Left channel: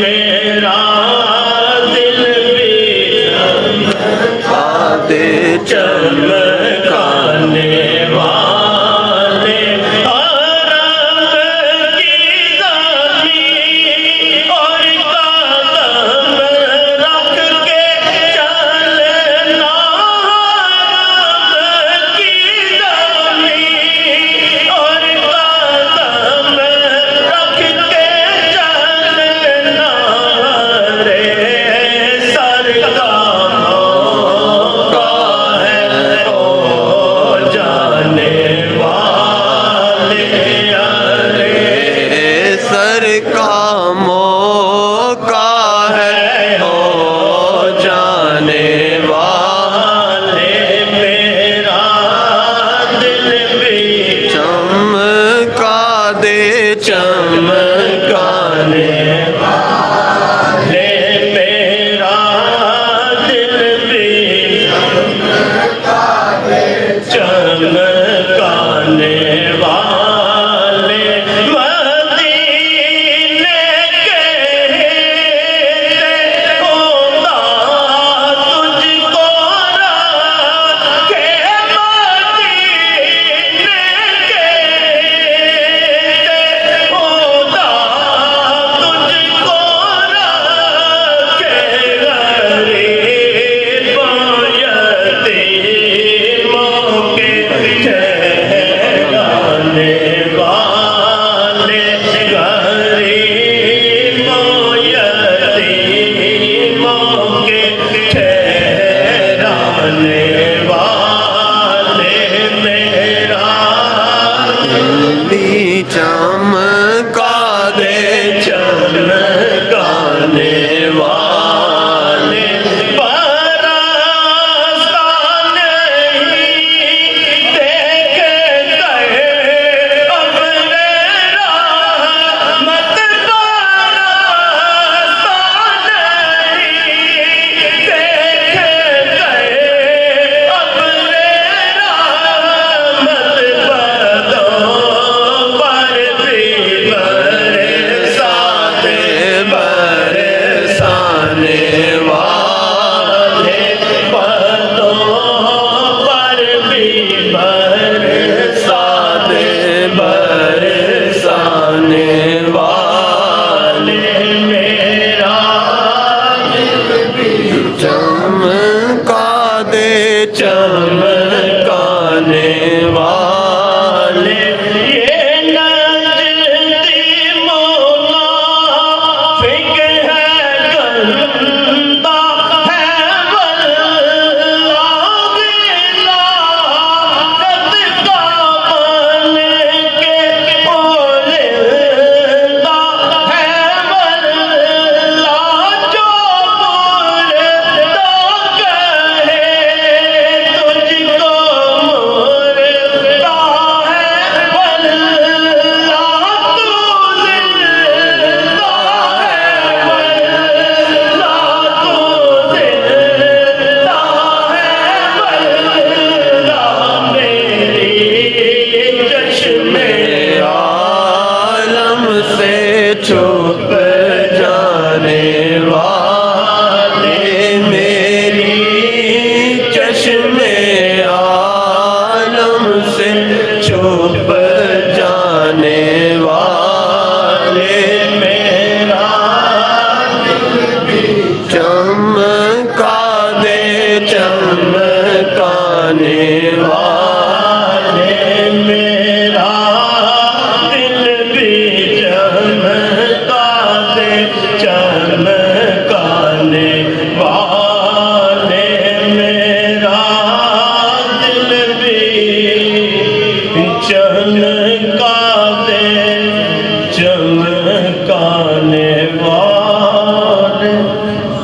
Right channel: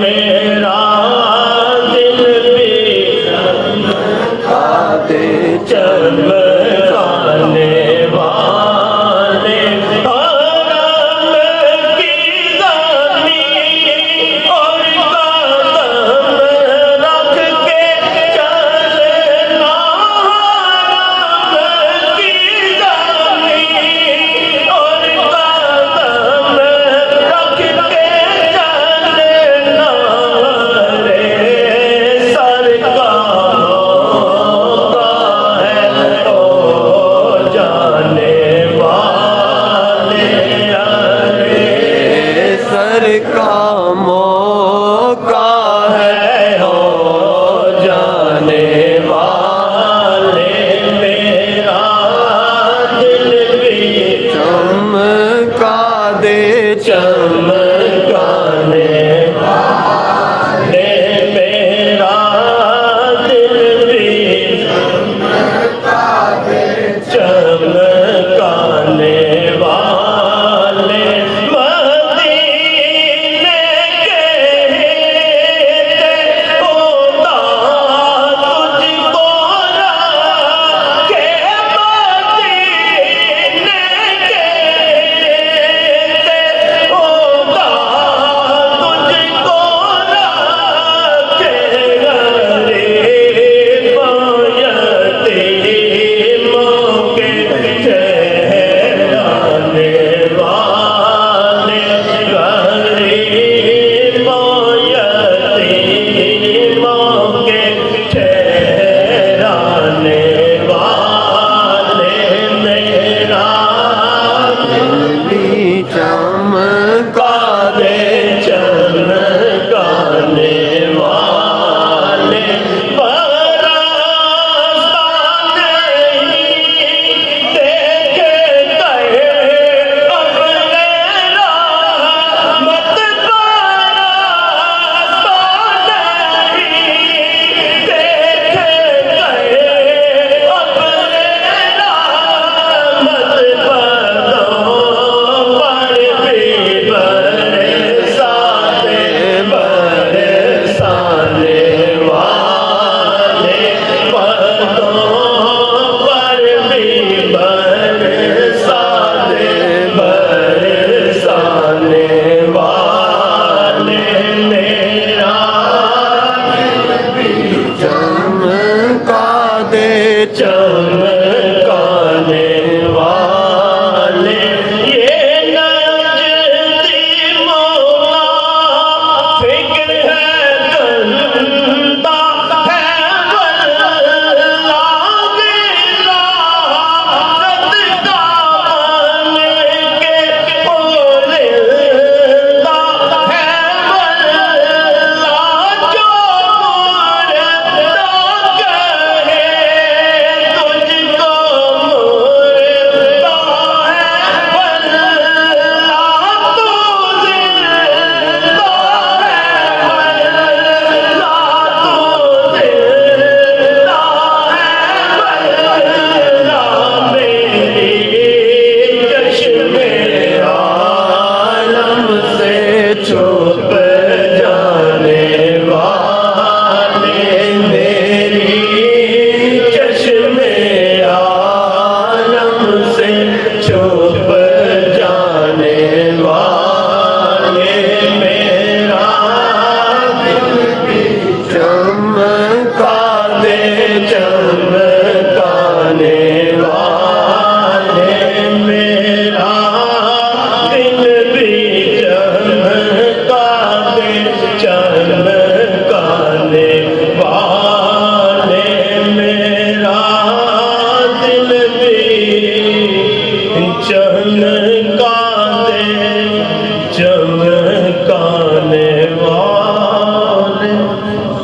मेरा दिल भी चमकाते चमकाने वाले हरम की ज़मीं और कदम रख के चलना हरम की ज़मीं और कदम रख के चलना रे सर का मौका है ओ जाने वाले अरे सर का मौका है हो जाने वाले मेरा दिल भी चमका दे चमकाने वाले मेरा दिल भी चमकाने वाले मदीने के खुदा तुझको रखे मदीने के खुदा तुझको रखे गरीबों यतीमों के ठहराने वाले गरीबों यतीमों के ठहराने वाले मेरा भी चमका दे चमकाने वाले बरसाने देख गए अपने रहमत बरसाने देख गए अपने रहमत बदों पर भी बरसाते बरसाने वाले बदों पर भी बरसाते बरसाने वाले मेरा चमका दे चमकाने वाले ये नजदी मुनाफिक है गंदा है वल्लाह गिला रद का बन के ओलिंदा है वल्लाह जो मुर्दा कहे तुझको मुर्दा है वल्लाह तू जिंदा है वल्लाह तू जिंदा है वल्लाह मेरी चश्मे आलम से छुप जाने वाले मेरी चश्मे आलम से छुप जाने वाले मेरा चमका दे चमकाने वाले मेरा दिल भी चमकाते चमकाने वाले मेरा दिल भी चमकाते